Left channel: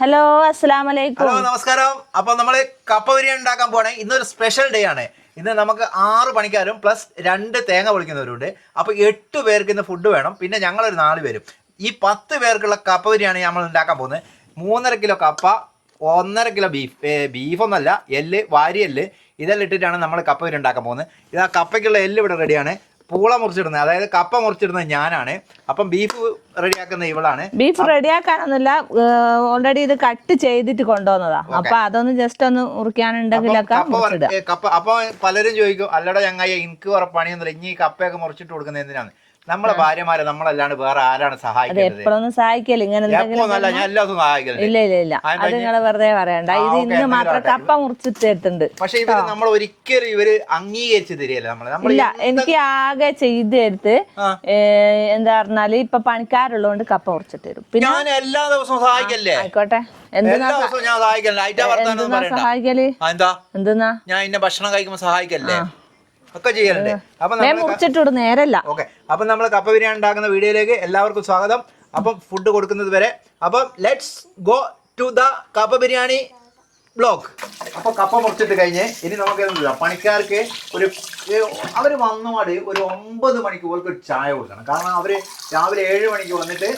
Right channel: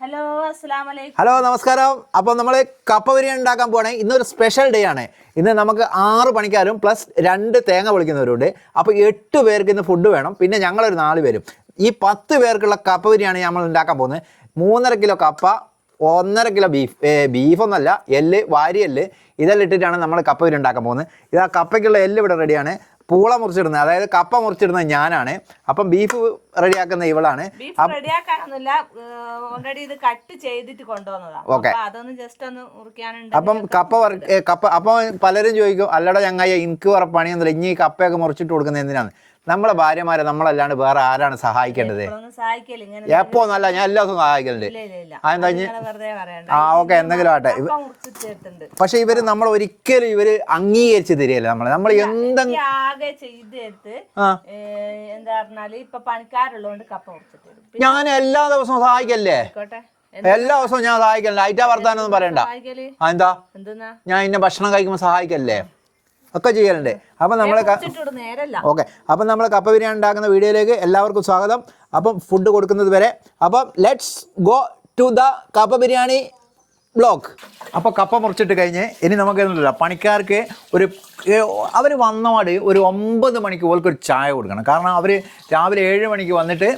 Hello അസ്സലാമലൈക്കും. Hello നമസ്കാരം. അപ്പോൾ നമ്മൾ കപ്പ ബിരിയാണി ഉണ്ടാക്കാൻ പോകണേ. ഇന്നൊരു സ്പെഷ്യൽ ഡേ ആണ്. ഇന്ന് നമുക്ക് 6 പണിക്കാരും പ്ലസ് 2 തേങ്ങ പൊളിക്കുന്നവരുണ്ട്. അപ്പോൾ 8 പേർക്ക് ഇന്ന് ഫുഡ് വേണം. പിന്നെ ഞങ്ങളൊരു 4 പേരും. ഈ 10 പേർക്കുള്ള കപ്പ ബിരിയാണി നമ്മൾ ഉണ്ടാക്കാൻ പോകുന്നത്. 3.5 കിലോ കപ്പ, 1.5 കിലോ ബീഫൊന്നല്ല, എല്ല്, വാരിയെല്ല് ഇതെല്ലാം ഇട്ടിട്ടാണ് നമ്മൾ കപ്പ ബിരിയാണി ഉണ്ടാക്കാൻ പോകുന്നത്. ഇത് ആ കപ്പയ്ക്കുള്ള എല്ല് ഇവിടെ റെഡിയാണ്. പൂള മുറിച്ചിടുന്നത്, അതായത് കപ്പ മുറിച്ചിടുന്നത് ഞാനാണ്. അപ്പം ബീഫ് റെഡിയാക്കുന്ന ഇവളാണ്. ബീഫ് റെഡിയാക്കാനൊന്നുമില്ല, ഓൾറെഡി ഇത് കട്ട് ചെയ്തിട്ട് കൊണ്ടുവന്നതാ. അപ്പൊ അതൊന്ന് ജസ്റ്റ് ഒന്ന് മുറിക്കാനുണ്ടെങ്കിലൊക്കെ കപ്പ അപ്പൊ പലരും ചോദിക്കും, അല്ലടോ ചങ്ങായി എനിക്ക് വേറെ പണിയൊന്നുമില്ല, ഇനി ഈ കപ്പയൊക്കെ മുറിച്ചിട്ട് കൊടുക്കുന്നത് എന്തിനാണ്? നമ്മളെ ഭാര്യമാരെ നമ്മളല്ലാണ്ട് വേറെ ആരാണ് സഹായിക്കേണ്ടത്? എപ്പോഴൊന്നും സഹായിക്കല് ഇങ്ങനെ എപ്പോന്നല്ല, ഞാൻ എല്ലാ ദിവസവും സഹായിക്കലുണ്ട്. ഇല്ല വെറുതെ പറയണ്ട. കപ്പ മുറിച്ചിട്ടുണ്ട്. പക്ഷെ ഇവര് നമ്മൾ ഒരിക്കലും ഇവര് അംഗീകരിച്ച് തരികയല്ല. നമ്മൾ എനിക്ക് ആകെ ചെയ്ത് തരുത്ത് എന്താ പറഞ്ഞാല് ഇപ്പൊ പണിക്കാരുള്ളതുകൊണ്ട് കപ്പ മുറിച്ചിട്ട് തരും. പിന്നെ ഞാൻ എല്ലാ ദിവസവും സഹായിക്കല്ലേ? ആയിക്കോട്ടെ, എല്ലാ ദിവസവും ഞാൻ സഹായിക്കല്ലേ? ഐറ്റാ വർത്താനം പറയണ്ട. എന്താ എന്തെന്നാ ഞാൻ ഇന്ന ഭക്ഷണം കഴിക്കുമ്പോ സഹായിക്കല്ലേ? ഒക്കെ ചെയ്യലുണ്ട്. അപ്പൊ നമ്മള് നേരല്ല. ഓക്കെ, അപ്പൊ നമ്മൾ കപ്പ ബിരിയാണി ഉണ്ടാക്കുന്ന വീഡിയോയിലേക്ക് എല്ലാവർക്കും സ്വാഗതം. അപ്പം ഫുഡ് കൊടുക്കുന്നത് വരെ അപ്പം ലെറ്റ്സ് ഗോ ടു ദ കപ്പ ബിരിയാണി ബ്ലോഗ്. അപ്പോൾ കപ്പ മുറിച്ചിട്ട് കഴിഞ്ഞ് ഇനി നമുക്ക് എന്തില്ല, പണിക്കാർക്ക് അവർ വന്നപാട് ഒരു 9 മണിക്ക് ഓർക്ക് ഒരു ചായ കൊടുക്കണം. കാരണം അവർ രാവിലെ 7 മണിക്ക് വന്നിട്ട്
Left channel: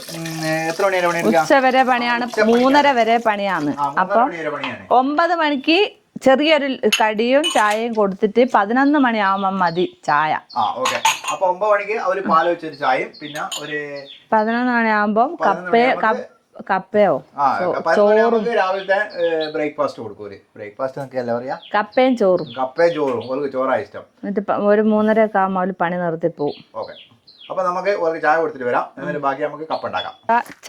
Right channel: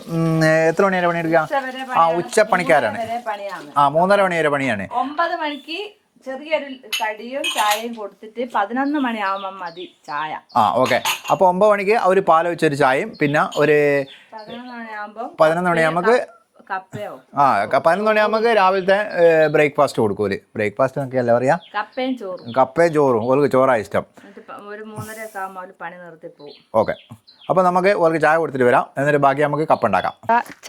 എത്ര മണി വരെ പണിയെടുക്കാം? 3:30 വരെ പണിയാണ്. 3:30 മണി വരെ പണിയാണ്. 9 മണിക്ക് ചെറിയൊരു കടിയും ചായയും കൊടുത്തിട്ട് 11 മണിയാവുമ്പോ മതി ചായ. ഓക്കെ. അപ്പൊ 9 മണിക്ക് അവര് പാല് വെച്ചൊരു ചായയും പിന്നെ ഒരു 11 മണിയാവുമ്പോ 11 മണിയാകുമ്പോ കപ്പയോ 11 മണിയാകുമ്പോ രാവിലത്തെ ബ്രേക്ക്ഫാസ്റ്റ് കൊടുക്കൂല്. ബ്രേക്ക്ഫാസ്റ്റ് എന്നൊക്കെയല്ലേ പറയാ? കപ്പയും ചോറും. ഓർക്ക് ചോറാണ് ഇഷ്ടം. എന്നിട്ട് ഒരു 3:30 ഒക്കെ ആകുമ്പോൾ പണി നിർത്തി പോവും. ഓക്കെ, അപ്പൊ നമുക്ക് ഓർക്ക് ചായ കൊടുത്തിട്ട് വരാം. എന്നിട്ട് ബാക്കി നമുക്ക് കപ്പ ഉണ്ടാക്കാം.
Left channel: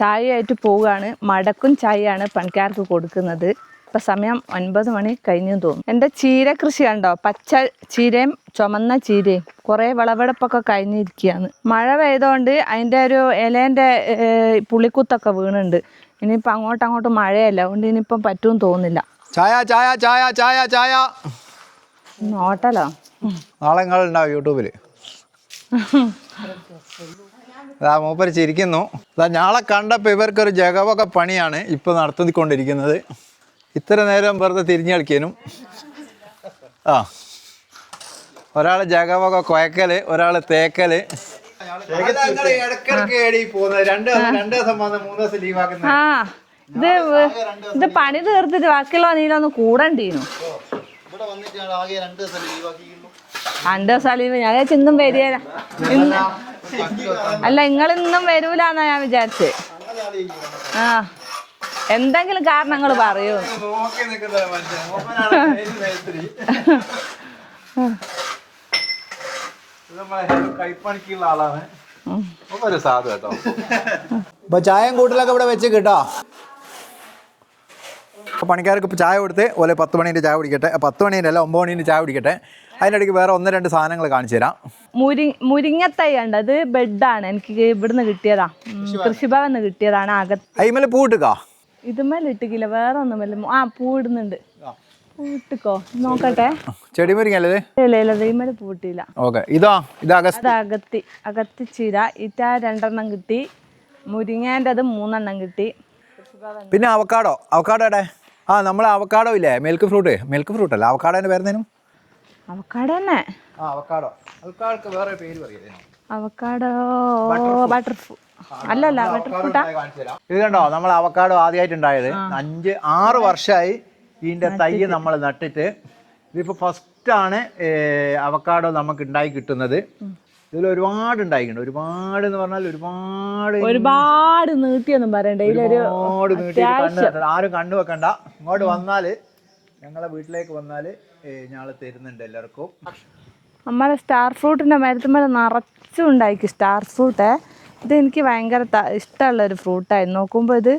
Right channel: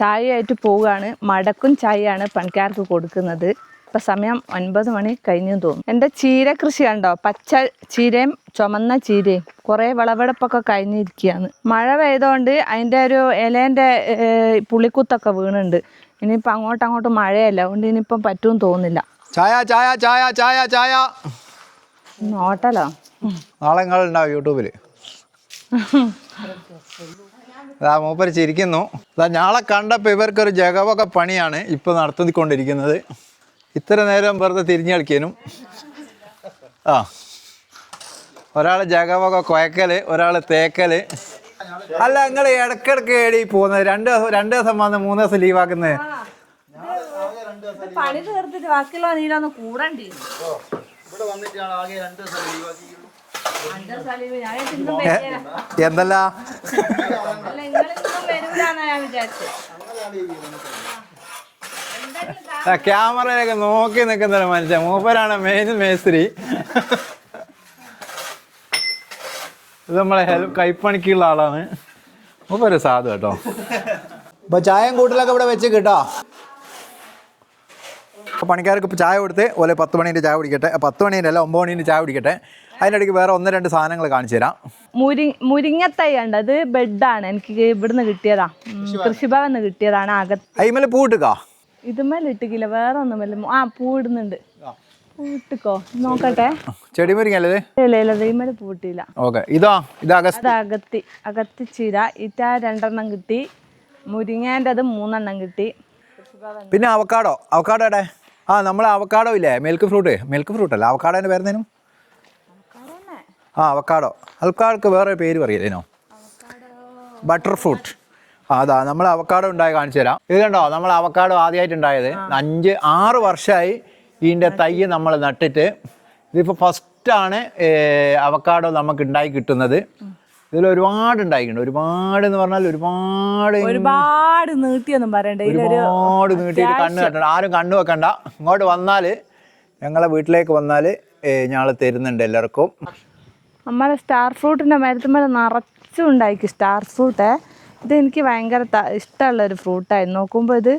ചായയായിട്ട് പോവുകയാണ്. മടക്കും ചായയാണ് പണിക്കാർക്ക് കൊടുക്കുന്നത്. ഇപ്പൊ സമയം 9 മണി കഴിഞ്ഞു തോന്നും. എൻ്റെ ചീര കൃഷി കണ്ടോ? പച്ച ചീരയും ചുമന്ന ചീരയും കുറെ വിളവെടുപ്പൊക്കെ കഴിഞ്ഞിരിക്കുകയാണ്. മഴ പെയ്തോണ്ട് അതിൻ്റെ ഒരു ഇലേൻ്റെ പുളിക്കുത്തൊക്കെ വീണുണ്ട്. ഇനിയിപ്പോൾ അങ്ങോട്ട് മഴയല്ല, അതുകൊണ്ട് ഇനിയിപ്പം പറ്റുമെന്ന് തോന്നുന്നില്ല. ചായ ചായ ചായ ചായ ചായ ഹോട്ടലോ? നാളെ നിങ്ങളുണ്ടാവും യൂട്യൂബില്. മൂപ്പര് ചിരിക്കുന്നു. ഞാളെ കണ്ടപ്പോൾ ഇവർക്കൊരു ജഗവൊക്കെ പണിയാണ് ഇപ്പൊ നടത്തിക്കൊണ്ടിരിക്കുന്നത്. ഇത്ര നേരം വെറുതെ തിരിഞ്ഞു കളിക്കാനും ഒരാള് ജഗവൊക്കെ കുഴക്കല്, ഒരാള് തേക്കല്. അല്ല, നിങ്ങള് ഇടക്കിടക്ക് ഏടി പോകുന്നത്? 2 ദിവസം വന്ന് 3 ദിവസം ലീവാക്കുന്നത്? ഇത് പണി തീർത്തിട്ട് ബാക്കിയുള്ള നീനൊന്ന് കൂടണ്ടീനു. 2 ദിവസം ലീവ് ഞാൻ ഇന്നും വരികയില്ല. അല്ല, നിങ്ങളിന്നും വരൂലെന്നാ ഞാൻ വിചാരിച്ചേ. എന്തെങ്കിലും കാരണങ്ങൾ നോക്കി നിൽക്കുന്ന മനുഷ്യൻ മൂപ്പരാണ് മെയിൻ മേസ്ത്രി. ഇത് നമ്മളെ കൈപ്പണിക്കുള്ള ആളാണ്. മൂപ്പര് സാധു കേട്ടോ. അപ്പൊ ചായയും കൂട്ടിലൊക്കെ ഇവിടെ വെച്ച് കിട്ടോ. പണിക്കാർക്ക് ഇപ്പൊ ചായ കൊടുത്ത് ഓലെ 10 മണീൻ്റെ ചായ കുടിക്കട്ടെ. 10 മണീൻ്റെ അല്ല, 9 മണീൻ്റെ ചായ കുടിക്കട്ടെ. അതിനിടയ്ക്ക് വേറെ 1-2 സാധനങ്ങൾ കാണിച്ചു തരാം. മുരിങ്ങത്തൈ ഉണ്ട്. അത് ബെഡാണ്, എനിക്ക് ഇവിടുന്ന് കിട്ടിയതാ, കൃഷിഭവന്ന് കിട്ടിയതാണ്. അയിമേല് പൂട്ടിക്കാ? ഇതുമേല ഇട്ടിക്കില്ല, വേറെ ഒന്നുമല്ല. പൂടുന്നുണ്ട്. പൂട്ടിക്കോ നോക്കട്ടെ. ചെടി മുരിങ്ങല്ലേ? ഇതുമേല പൂട്ടിയില്ല. അകത്തി ചീര ഇറ്റ 2 കിട്ടി. മുരിങ്ങേൻ്റെ 3 കിട്ടി. പിന്നെ അവക്കാടോ എവിടെ? നമ്മളെ അവക്കാടോ ഇല്ലേ? മിൽക്ക് ഫ്രൂട്ട് അല്ല, അവക്കാടോന്റെ പേരെന്തേനും? അവക്കാടോ തന്നെ. അവക്കാടോക്ക് വേറെ പേര് പറയലേനോ? Avocado butter fruit. അതാ നമ്മൾ അവക്കാടോ ഉണ്ടായി കാണിച്ചു തരാം. ഇത് കണ്ടോ, നമ്മൾ അവക്കാടോ ആദ്യമായിട്ട് ഉണ്ടായത് 5-6 വർഷമായി ഇതിൻ്റെ തൈ നമ്മൾ നട്ടിട്ട്. ഇതിപ്പോൾ ഫസ്റ്റാണ് അവക്കാടോ നമുക്ക് ഉണ്ടായി കിട്ടുന്നത്. ഇതിൽ ഒരുപാട് ഉണ്ടായിട്ടുണ്ട്. ഒരുപാട് എന്ന് പറഞ്ഞാൽ ഒരുപാട് നീട്ടിയൊന്നും പറയണ്ട. ഒരുപാട് നീട്ടിയിട്ട് കണ്ണ് കെട്ടണം. ആരും കണ്ണു വെക്കണ്ട. ഇങ്ങോട്ട് വന്നാൽ, ഞങ്ങളെ വീട്ടിലേക്ക് വന്നാൽ ഞങ്ങൾ തരുന്നുണ്ട് എല്ലാവർക്കും. നമ്മളെ സ്റ്റാർ ഫ്രൂട്ടിൻ്റെ മരത്തുമ്പോൾ നിറച്ചും ഉണ്ടായിരിക്കും സ്റ്റാർ ഫ്രൂട്ട്. ഇതെനിക്ക് ഭയങ്കര ഇഷ്ടമുള്ളൊരു ഫ്രൂട്ടായിരുന്നു. നോക്കുമ്പോൾ ഇത്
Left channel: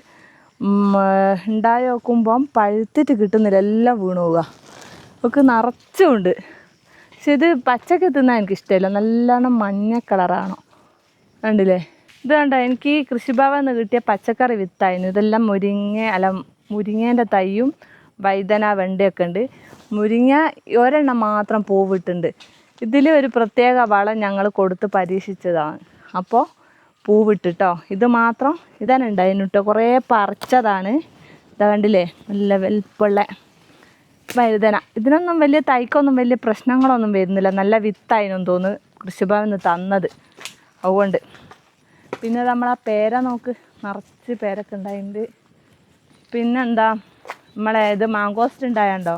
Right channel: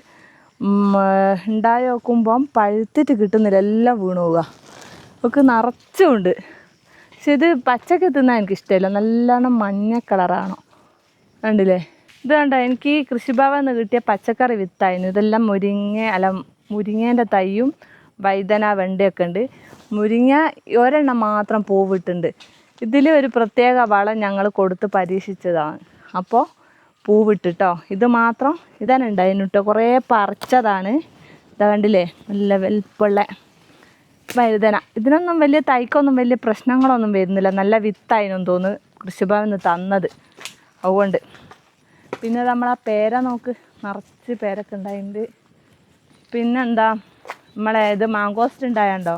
ഉണ്ടായി നോക്കുമ്പം പഴുത്തിട്ട് കിട്ടുന്നില്ല, എല്ലാം വീണു പോവുക. ഒക്കെ നിറച്ചുമുണ്ട്. പക്ഷെ ഇത് പച്ചക്ക് തിന്നാൻ എനിക്കിഷ്ടമില്ല, നല്ലോണം മഞ്ഞ കളറാണോ കണ്ടില്ലേ? ഇത് കണ്ടോ, എനിക്ക് കൃഷിഭവനിൽ നിന്ന് കിട്ടിയ പച്ചക്കറി വിത്തായിരുന്നു. ഇതെല്ലാം മുരിങ്ങേൻ്റെ തൈയും വഴുതന, വെണ്ടയൊക്കെ ഉണ്ട്. മുരിങ്ങ ഒരെണ്ണം മാത്രം പൂവിട്ടുണ്ട്. ഇതിൽ ഒരു പ്രത്യേക വളം ഞങ്ങൾ കൊടുത്ത് പരീക്ഷിച്ചതാണ്. അപ്പോൾ പൂവിട്ടിട്ടോ. ഇത് മാത്രം ഇതാണ് ഉണ്ടായിരുന്നു കേട്ടോ. കുറേ പറിച്ചതാണ്. ഇതാ കണ്ടില്ലേ നല്ല വലിപ്പമുള്ള വഴുതന. ഇതിനൊന്നും വലിയ തൈക്കൊന്നും വലിയ പ്രശ്നങ്ങളൊന്നും വരുന്നില്ല. നല്ല വിത്തായിരുന്നു തോന്നുന്നു കൃഷിഭവനിൽ നിന്ന് തന്നത്, അതുകൊണ്ട്. പിന്നെ നമ്മളാ പേര നോക്ക്, നിറച്ച് പേരൊക്കെ ഉണ്ടായിട്ടുണ്ട്. പിന്നെന്താ നമ്മളെ ഇത് മാങ്കോസ്റ്റ് ഉണ്ടായണ്ടോ,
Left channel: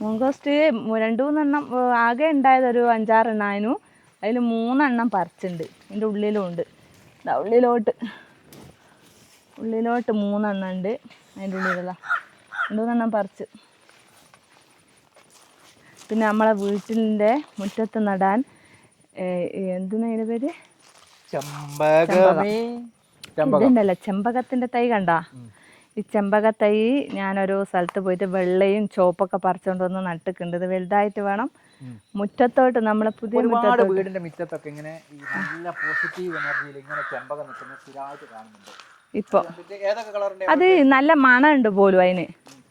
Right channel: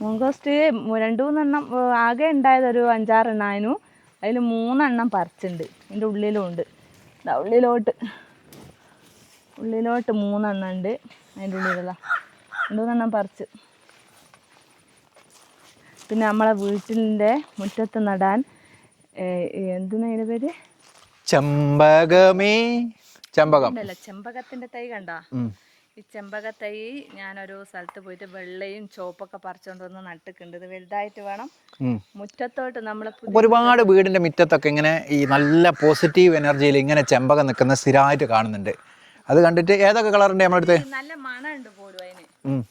മാങ്കോസ്റ്റ് 2-3 ആകെ ഉണ്ടായത് ഒരു 5-6 എണ്ണമായിരുന്നു. അതിൽ 3 പറിച്ചിട്ടുണ്ട്. ഇതിൻ്റെ ഉള്ളിലും ഉണ്ട്, ഉള്ളിലോട്ട് 3 ഉണ്ട്. അതിൻ്റെ ഉള്ളിലുള്ള 2-3 പറിച്ച്. പിന്നെ നമ്മളെ വീട്ടിൻ്റെ മുറ്റത്ത് നടാൻ എന്തിനാ അതിൻ്റെ പേര്, ഇതുണ്ടല്ലോ ചെമ്പകത്തിൻ്റെ തൈ കണ്ടാ. ഈ ചെമ്പക തൈ ഞാനൊരു സ്ഥലത്ത് പോയിട്ട് വെള്ളയും ചുവപ്പൊക്കെ പറിച്ചുകൊണ്ട് വന്ന് നട്ടിട്ടുണ്ട്. ഇത് വലുതായിട്ട് വേണം മുറ്റത്തോട്ട് നമ്മളെ ഒരുപാട് വീടിന്റെ മുറ്റത്തൊക്കെ ഇങ്ങനെ ഈ നല്ല പോസിറ്റീവ് എനർജിയിൽ ഇങ്ങനെ ചെമ്പകം നിൽക്കുന്ന സ്ഥിരമായിട്ട് കാണുന്നുണ്ട്. അത് കണ്ടിട്ട് ഏതൊക്കെ കളറിന്റെ നല്ല മണമുണ്ട് പോലും അതിന്.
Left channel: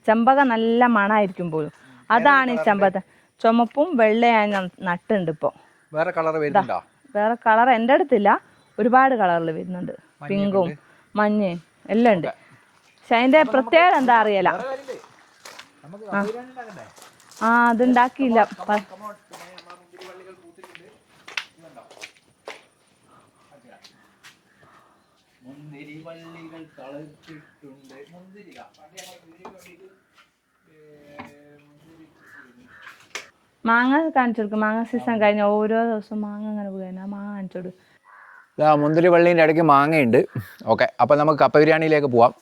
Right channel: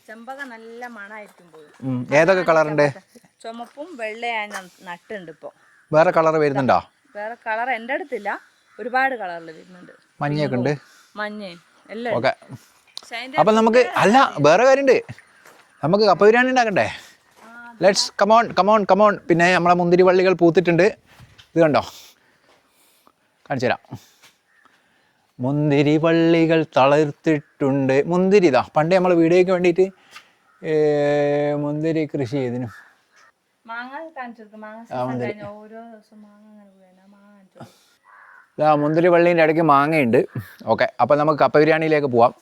ചെമ്പക നല്ല മണമായിരിക്കും പോലും. അതാണ് ചെമ്പക. ചുമപ്പും വെള്ളയും ഞാൻ നട്ടുണ്ട്. ഇപ്പൊ വേറെ കളർ വരുന്നുണ്ടോ? വേറെ കളർ എൻ്റെ അടുത്തില്ല, ഒരുപാട് കളറിൽ വരുന്നുണ്ട്. മഞ്ഞ എല്ലാം ഉണ്ട്. വേറെ കാര്യമുണ്ട്, നമുക്ക് കപ്പ ബിരിയാണി ഉണ്ടാക്കണ്ടേ? കമോൺ. പിന്നെ നമ്മളെ മുന്തിരി വള്ളികൾ പൂത്തിട്ടുണ്ട്. ഇത് കണ്ടോ, കാണിച്ചു തരാം. മുന്തിരി വള്ളികൾ തളർത്തിട്ടുണ്ട്. മുന്തിരി ഇതാ പണ്ട് നമ്മൾ വീഡിയോയ്ക്ക് വേണ്ടിയിട്ട് മുന്തിരി കൃഷി ചെയ്തിന്. മാങ്ങ കാണിച്ചു കൊടുക്കും. മാങ്ങ സീസൺ കഴിഞ്ഞ ഓരോ ദിവസം മാങ്ങ അങ്ങനെ പോയാൽ മാങ്ങ കാണിച്ചു കൊടുക്കും. മുന്തിരി വള്ളീൻ്റെ ഇടയ്ക്ക് മാങ്ങയുണ്ട്. ഓക്കെ, അപ്പം നമുക്ക് കപ്പ ബിരിയാണിയിലേക്ക് പോവാം.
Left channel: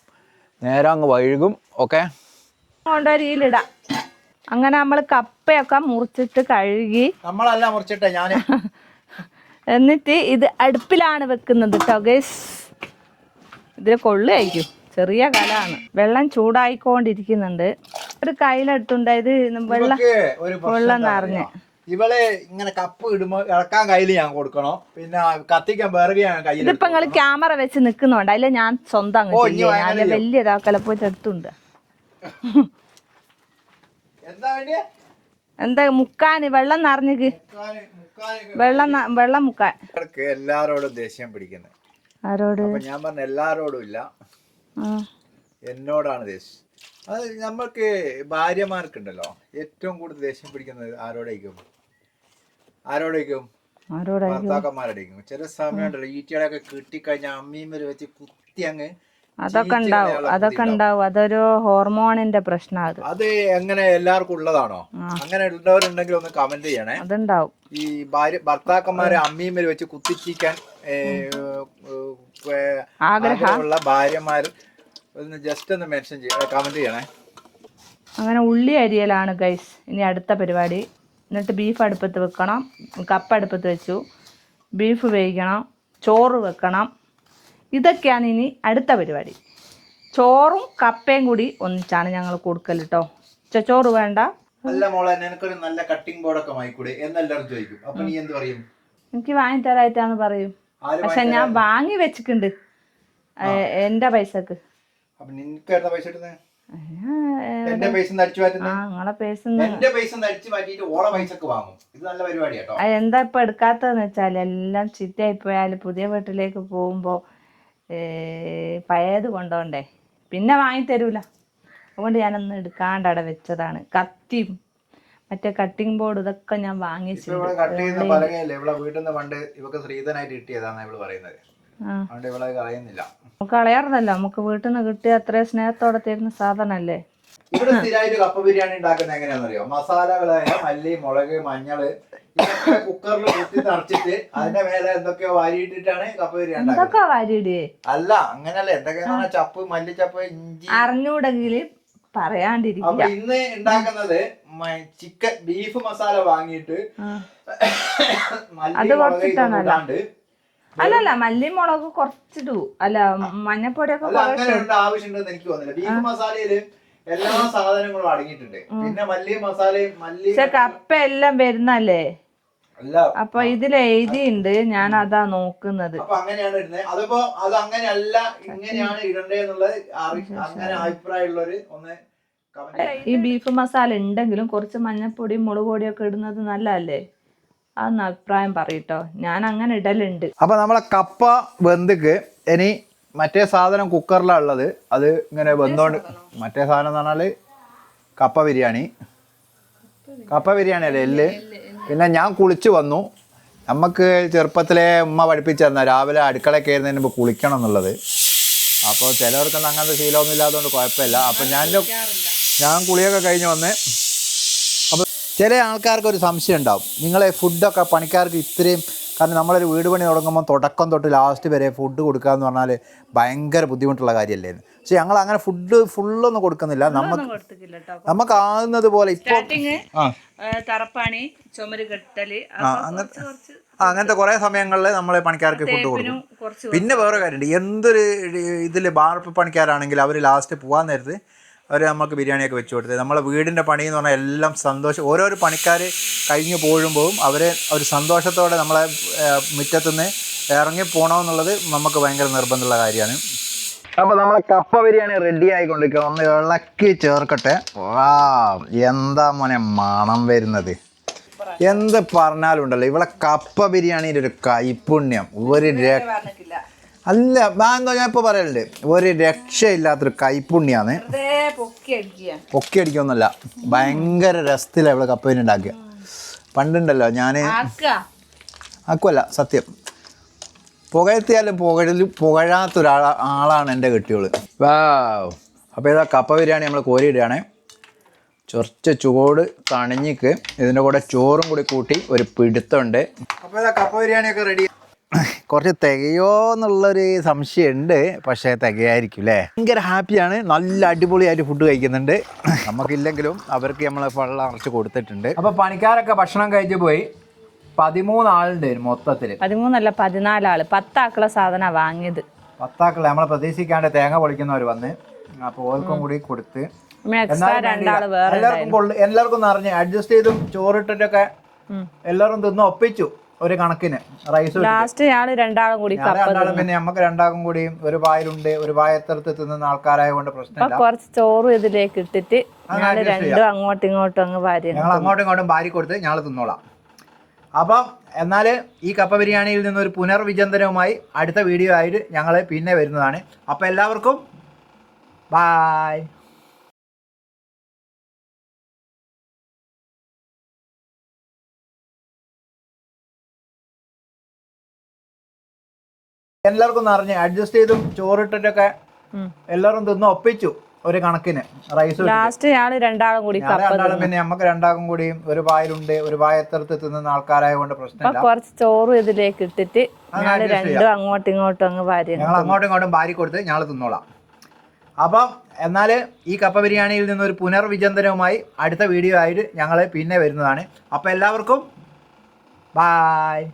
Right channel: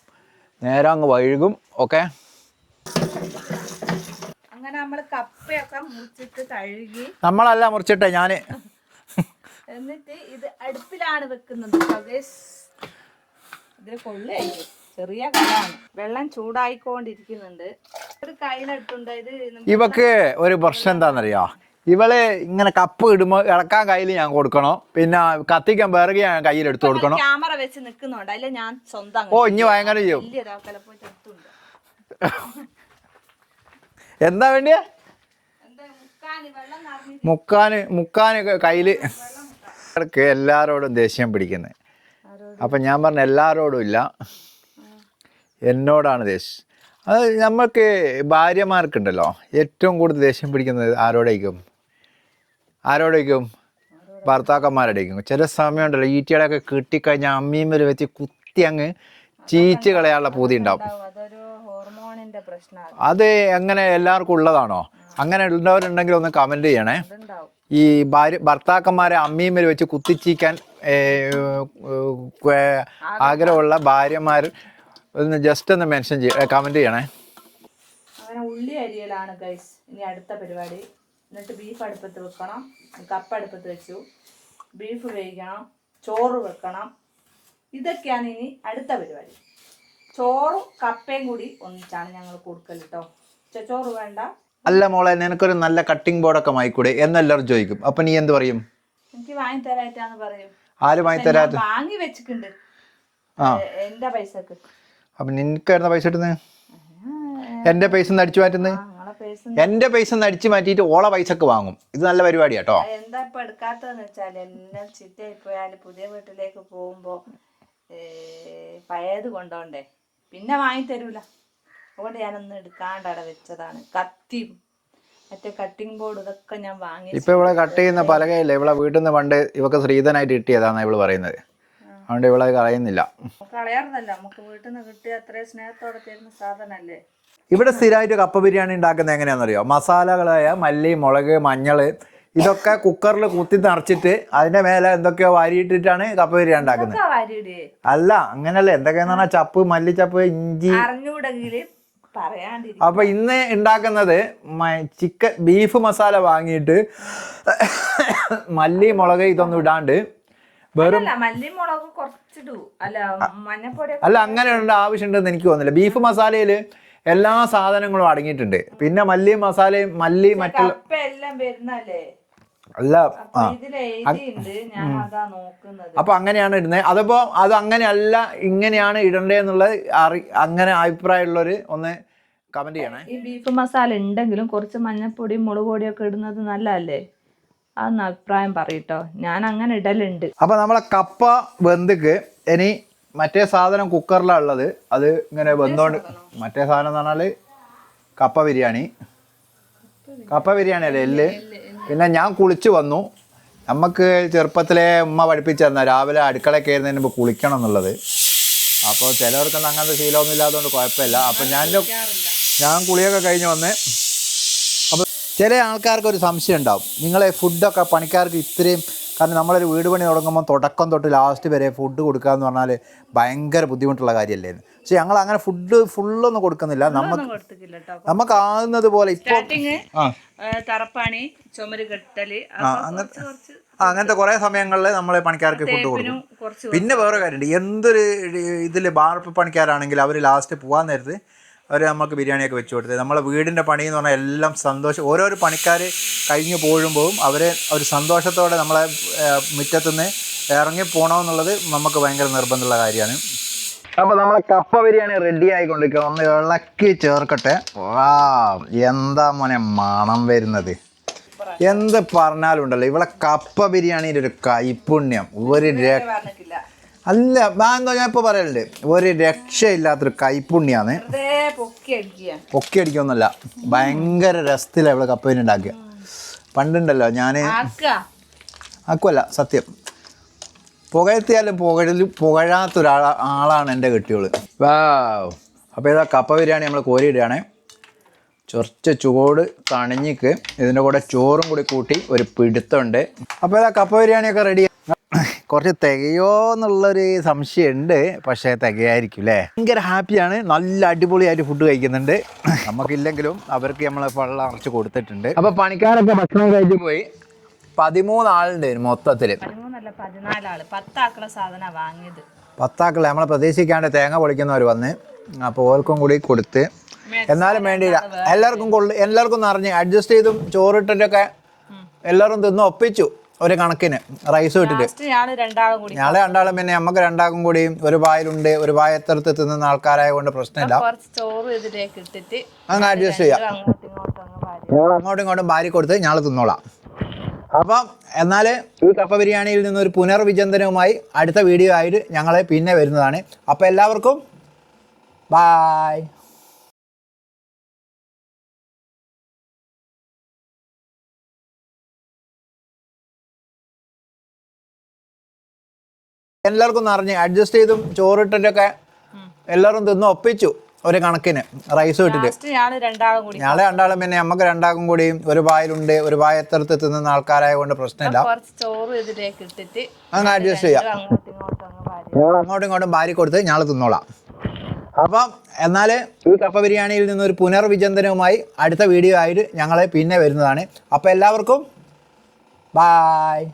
നേരെ അങ്ങ് വഴുകും. ഓക്കെ, കൊണ്ടൊരിയിലിടാം. അങ്ങനെ നമ്മൾ കപ്പയൊക്കെ മുറിച്ചിട്ട് കഴുകി, നമ്മളല്ല മുറിച്ചിട്ടേ ഞാൻ, എന്നിട്ട് ഇത് അടുപ്പിലാണ് വെക്കുന്നത് കേട്ടോ ഗൈസ്. ഇതിൽ കൊള്ളുമായിരിക്കും, ചെറിയ കലാണ്. വെള്ളം ചൂടായിക്കൊണ്ടിരിക്കുന്നുണ്ട്. ഒരു കയ്യിലെടുത്തുണ്ടായത്. ഇവക്ക് ഒരു പ്രശ്നം എന്താണെന്നറിയോ, ഇവള് ഇങ്ങനെ കപ്പ് ഇടുമ്പോ ഇളക്കാൻ കയ്യിൽ ഞാൻ കൊടുക്കണം, പിന്നെ കത്തിക്കാൻ വേറെ ഞാൻ കയ്യിലെടുത്ത് കൊടുക്കണം. ക്യാമറ വെച്ച് നിൽക്കുന്നുണ്ട്, അതിലെ ഞാൻ സ്വന്തം വലിയ ഒരാൾക്കല പോയിട്ട് എടുത്തുണ്ട്. എന്താ വേണ്ടിയ എന്താ മുക്കാന് വെള്ളം നിറഞ്ഞു, വെള്ളം മുക്കാൻ. എല്ലാരോടും ദേഷ്യം പിടിക്കുന്നത്. അപ്പൊ ഞാൻ പറഞ്ഞ എല്ലാരോടും ഇല്ല, എന്നോടാണ് ദേഷ്യം. അത് നമ്മൾക്ക് ഭാര്യമാർക്കുണ്ടല്ലോ ഏറ്റവും കൂടുതൽ ദേഷ്യം പിടിക്കുന്നത് ആരോടേക്കും ഭർത്താക്കന്മാരുടേക്കും. ചില സമയം ഉണ്ടല്ലോ ഈറ്റയുടെയൊക്കെ കിട്ടിക്കഴിഞ്ഞാൽ അമ്മീമ്മല് വെച്ച് കുത്തി അങ്ങ് ചീച്ച് കളയാനുള്ള പൂതി ഉണ്ടാവും. അതൊരു ഹോർമോണിന്റെ പ്രശ്നമാണ്. അത് എങ്ങനെ എല്ലാവർക്കും ഉള്ളതാണോ? അങ്ങനെ ഉള്ളവരുണ്ടെങ്കിൽ ഒന്ന് കമന്റ് ചെയ്യണേ. ഈ ഭർത്താക്കന്മാരെ അമ്മീമ്മല് വെച്ച് കുത്തിച്ചീക്കാൻ ആഗ്രഹമുള്ള ഭാര്യമാർ ഒന്ന് ജസ്റ്റ് ഒന്ന് മെൻഷൻ കമന്റ് ചെയ്യണേ. അങ്ങനെ ഉള്ളി അരിയലാണ് ഗൈസ് ഇനി അടുത്ത പരിപാടി. എന്നിട്ട് ബീഫ് അടുപ്പത്ത് വെക്കണം. കപ്പ അടുപ്പത്ത് വെച്ചു, ബീഫ് വേവിക്കണം, ചോറ് വെക്കണം. ഇതൊക്കെയാണ് ഇനി അടുത്ത പരിപാടി. ചോറും കപ്പയും കൂടി ഒന്നിച്ചാണ് ഞങ്ങൾ കൊടുക്കൽ കേട്ടോ. ചോറ് വേണ്ട. അല്ല മോളെ, നിനക്കൊരു നല്ല കട്ടിംഗ് ബോർഡൊക്കെ വാങ്ങിക്കൂടെ എന്നെല്ലാവരും ചോദിക്കും. അപ്പൊ നീ എന്ത് പറയും? എനിക്ക് വാങ്ങി തരായിട്ടാന്ന് പറയും. ഞാൻ വാങ്ങി വെച്ചിട്ടുണ്ട് എന്റെ പൈസക്ക്. അപ്പൊ നിനക്ക് പൈസ കിട്ടുന്നത് എന്റെ പൈസ അടിച്ചു മാറ്റുന്നത്, എന്റെ പൈസ അടിച്ചു മാറ്റിയിട്ട് ഓളെ പൈസക്ക് വാങ്ങും. ഇത് നല്ല പരിപാടി കേട്ടോ. എന്താ ഇപ്പൊ എടുക്കാത്തതെന്ന് വെച്ചാൽ എല്ലാം ചീത്തയായി പോയാൽ പുതിയ വീട്ടിലേക്ക് പോകുമ്പോ പഴയത് കൊണ്ടോണ്ടേ, പിന്നെ വാങ്ങി തരൂല. അതുകൊണ്ട് ഞാനൊന്ന് എടുക്കാണ്ട് അവിടെ വെച്ചതാണ്. കത്തിയും മറ്റേ കട്ടിംഗ് ബോർഡ് ഇതൊക്കെ ഞാൻ വാങ്ങി. ഇപ്പൊ ഇവിടെ കട്ട് ചെയ്യുന്ന പലകയില്ല, ഇവിടെ വീട്ടിൽ നിന്ന് പണ്ട് ഇവക്ക് ശ്രീധനായിട്ട് കിട്ടിയതാണ് ഇവള് പറയുന്നത്. അതുകൊണ്ട് ഇവിടെ കളയുന്നില്ല. കളയാറുന്നല്ല, നമുക്ക് വീട്ടിൽ നിന്ന് കിട്ടിയ അത്രയും സ്നേഹത്തോടെ തരുന്ന സാധനല്ലേ. ഇവിടെ സ്ഥിരമായിട്ട് കപ്പ ബിരിയാണി ഉണ്ടാക്കുന്നത് എങ്ങനെയാണെന്നറിയോ? മസാലകളായ മല്ലി, മുളക്, മഞ്ഞള് ഇതൊക്കെ കുക്കറിൽ കുത്തി നിറച്ചിട്ട് അതിന്റെ മേലെ എന്തൊക്കെയോ വാരിയിട്ടിട്ടാണ് കപ്പ ബിരിയാണി ഉണ്ടാക്കുന്നത്. അല്ല, അങ്ങനല്ല. എന്തൊക്കെയാന്ന് പറഞ്ഞാൽ ചപ്പ്, മല്ലിച്ചപ്പ്, ഇഞ്ചി. അപ്പൊ ഇന്ന് ഉണ്ടാക്കുന്നത് ചിക്കൻ ബീഫ് മസാല വാങ്ങിയിട്ട് മല്ലി, മുളക് ഇതൊന്നും ഇടാണ്ട്. മല്ലിമുളക് കുറച്ചിട്ടു, അല്ല മഞ്ഞപ്പൊടി. അല്ല, അങ്ങനെ ഉള്ള ആവശ്യമുണ്ടെന്ന് എനിക്ക് തോന്നുന്നില്ല. ബീഫ് മസാലയില് എല്ലാ സാധനങ്ങളും അടങ്ങിയിട്ടുണ്ട്. പിന്നെ മല്ലി മസാലയും കപ്പ എല്ലാം വരുന്നല്ലേ. അല്ല, അപ്പൊ ഇതിൽ എഴുതിയുണ്ട്, ഞാൻ അതാ നോക്കുന്നത്. അപ്പൊ അങ്ങനെയാണ് ഇടുന്നത്. അതപ്പോ അത് അങ്ങനെയല്ല, ഇങ്ങനെയാണ് ഇടണ്ടേന്നുള്ളത് അങ്ങനെ അഭിപ്രായമുള്ളവര് ഒന്ന് കമന്റ് ചെയ്യണം. ഈ ബീഫ് മസാല ഉണ്ടെങ്കിലും കുറച്ച് മഞ്ഞപ്പൊടിയും മുളക് പൊടിയൊക്കെ ഇടുന്നത് നല്ലതല്ലേ? അതൊന്ന് അഭിപ്രായം പറയട്ടോ. ഞാൻ അങ്ങനെ ഇടലുണ്ട്. അപ്പൊ നമ്മളെ കപ്പ വെന്തിക്ക് ഇനി മറ്റേ സാധനം കുക്കറിലാണ് ഉള്ളത്, അത് ഇങ്ങനെ വെന്തോണ്ട്. മറ്റേ സാധനം എന്ന് പറഞ്ഞാൽ കപ്പ ബിരിയാണി അല്ലേ എല്ല്. പിന്നെ ഞാൻ കുളിച്ച് വന്നു. നമുക്ക് ചെറുപ്പത്തിലെ ഉമ്മ പഠിപ്പിച്ചു തന്ന രാവിലെ അടുക്കള കയറുന്നതിന് മുമ്പ് കുളിക്കണം എന്നുള്ളത്. അപ്പോൾ ചിലവർക്കൊന്നും അങ്ങനത്തെ ശീലമൊന്നും ഇല്ലാത്തതുകൊണ്ട് കുഴപ്പമില്ല. അപ്പം ഞാൻ കുളിയൊക്കെ കഴിഞ്ഞ് വന്ന്. അപ്പോൾ ചില ആൾക്കാർക്ക് ഒരു സംശയം ഉണ്ടാവും, നിങ്ങളെ ഫുഡൊക്കെ പണിക്കാർക്ക് ഇത്രയും, കാരണം നമ്മളൊരു വീട് പണി തുടങ്ങുമ്പോൾ തുടക്കം തൊട്ട് ലാസ്റ്റ് വരെ ഫുഡ് കൊടുക്കുക എന്ന് പറഞ്ഞാൽ ഭയങ്കര ബുദ്ധിമുട്ടുള്ള കാര്യമല്ലേ. പക്ഷെ ഞങ്ങൾ അങ്ങനെ ഫുഡ് ഫുള്ളൊന്നും കൊടുക്കുന്നില്ല. നമുക്ക് ആകുന്നത് പോലെ ഇപ്പോൾ അങ്ങനത്തെ കുറേ സമയങ്ങളിൽ നമ്മൾ പണിക്കാർക്ക് ഫുഡ് കൊടുക്കും. പിന്നെ വേറെ കാര്യമുണ്ട്, എന്തൊരു ഇതിൽ ബാർപ്പ് പണിക്കാരാണെങ്കിൽ അവർ ലാസ്റ്റ് പോകാൻ നേരത്ത് അവർ നമുക്ക് ബിരിയാണിയൊക്കെ വെച്ച് കൊടുത്തത്. നമ്മളെ വീടിൻ്റെ പണി എന്ന് പറഞ്ഞാൽ എല്ലാം സന്തോഷം. ഓരോരോ പണിക്കാർ കഴിഞ്ഞ് പോകുമ്പോഴും അവരെ ഒരു സന്തോഷത്തോടെ നമ്മളെ മുറ്റത്തുനിന്ന് ഇറങ്ങി പോകണമെന്നുള്ളത് നമുക്ക് ഭയങ്കര നിർബന്ധമുള്ള കാര്യമാണ്. അപ്പോൾ നമ്മളെ കപ്പ ബിരിയാണി റെഡി ആയിക്കൊണ്ടിരിക്കുക. ഒന്ന് ഇളക്കി ചേർക്കട്ടെ. വാ, എന്താ മോനെ മണം വരുന്നത്. എന്ത് പറഞ്ഞാലുണ്ടല്ലോ ഇവിടെ കപ്പ ബിരിയാണിയുടെ ഒരു കൈപുണ്യം ഒരു അല്ല, എന്താ ഞാൻ ഇപ്പോൾ പറയലുണ്ട്, ഒരു രക്ഷയില്ലാത്തൊരു കൈപുണ്യാണ്. പൊക്കി അടിക്കൊന്നുമല്ല, ഭയങ്കര രസത്തിലാണ് ഇവിടെ കപ്പ ബിരിയാണി ഉണ്ടാക്കുക. പണ്ടുണ്ടല്ലോ ഞാൻ ആക്കുമല്ല, സത്യം പുകഴ്ത്തിയാലും പുകഴാത്തൊരാളാണ് എൻ്റെ കെട്ടിയോള്. വാ, അപ്പോൾ ഇതാ കപ്പ ബിരിയാണി നമ്മൾ കോരിയിടുകയാണ്. കുറച്ച് ചൂട് തണിഞ്ഞിക്ക് ഇതിൻ്റെ കൂടെ ചോറും കൂടി കൂട്ടി ഒരു പിടുത്തമുണ്ട്. അപ്പോൾ ഇതാ കപ്പ ബിരിയാണിയൊക്കെ റെഡി. കുറച്ച് തികയോ എന്നുള്ളൊരു സംശയമുണ്ട്, പക്ഷേ തികയായിരിക്കും അല്ലേ. ഭയങ്കര ഹാപ്പിയാണ്, നല്ല അടിപൊളിയായിട്ട് ഫുഡ് കഴിക്കുന്നുണ്ട്. നമുക്കില്ലെങ്കിലും അവർക്ക് നമ്മൾ വെള്ളം അറച്ച് കൊടുത്തിട്ടുണ്ട്. അപ്പോൾ പണിക്കാരൊക്കെ ഭക്ഷണം കഴിച്ച് പോയി. 13 ആളുണ്ട് മൊത്തത്തിൽ. 13 അല്ല 14 ആള്. 10 ആക്കുള്ള സാധനം വാങ്ങിയത്. 10 ആക്കുള്ള നമ്മളെ പ്രതീക്ഷിക്കാണ്ട് തേങ്ങ പൊളിക്കുന്നവർ വന്ന്, അപ്പോൾ ഓർക്കും കൂടി കൊടുത്ത്. എന്നാലും വേണ്ടിയില്ല, എല്ലാവർക്കും നിറഞ്ഞ് അഡ്ജസ്റ്റ് ചെയ്തും ചോറിട്ടിട്ടൊക്കെ എല്ലാവരും തിന്ന് ഒപ്പിച്ചു. ഒരു കണക്കിന് റൈസ് ഇട്ടിട്ട് ഞങ്ങൾ രണ്ടാളും പിന്നെ നമുക്ക് രണ്ടാൾക്കും കൂടി ഒരു വായിലുണ്ട്, ഒരു വായത്തടുത്ത് തിന്നുന്ന ആൾക്കാരായ കൊണ്ട് പ്രശ്നമില്ല. ചോറ് ഇതിലേക്ക് ഇട്ടിട്ട് അഡ്ജസ്റ്റ് ചെയ്യാം. അങ്ങോട്ടും ഇങ്ങോട്ടും ഭാര്യ കൊടുത്ത് ഞങ്ങൾ തിന്നോളാം. അപ്പം എന്നാൽ ഈ കപ്പ ബിരിയാണിയിൽ നിന്നൊരു പുനർവിചിന്തനവുമായി അടുത്ത വീഡിയോ ആയിട്ട് ഞങ്ങൾ പിന്നെ വരുന്നതാണ്. അപ്പോൾ എല്ലാവർക്കും ബായ്. എല്ലാവർക്കും നിറഞ്ഞ് അഡ്ജസ്റ്റ് ചെയ്തും ചോറിട്ടിട്ടൊക്കെ എല്ലാവരും തിന്ന് ഒപ്പിച്ചു. ഒരു കണക്കിന് റൈസ് ഇട്ടിട്ട് ഞങ്ങൾ രണ്ടാളും പിന്നെ നമുക്ക് രണ്ടാൾക്കും കൂടി ഒരു വായിലുണ്ട്, ഒരു വായത്തടുത്ത് തിന്നുന്ന ആൾക്കാരായ കൊണ്ട് പ്രശ്നമില്ല. ചോറ് ഇതിലേക്ക് ഇട്ടിട്ട് അഡ്ജസ്റ്റ് ചെയ്യാം. അങ്ങോട്ടും ഇങ്ങോട്ടും ഭാര്യ കൊടുത്ത് ഞങ്ങൾ തിന്നോളാം. അപ്പം എന്നാൽ ഈ കപ്പ ബിരിയാണിയിൽ നിന്നൊരു പുനർവിചിന്തനവുമായി അടുത്ത വീഡിയോ ആയിട്ട് ഞങ്ങൾ പിന്നെ വരുന്നതാണ്. അപ്പോൾ എല്ലാവർക്കും ബായ്.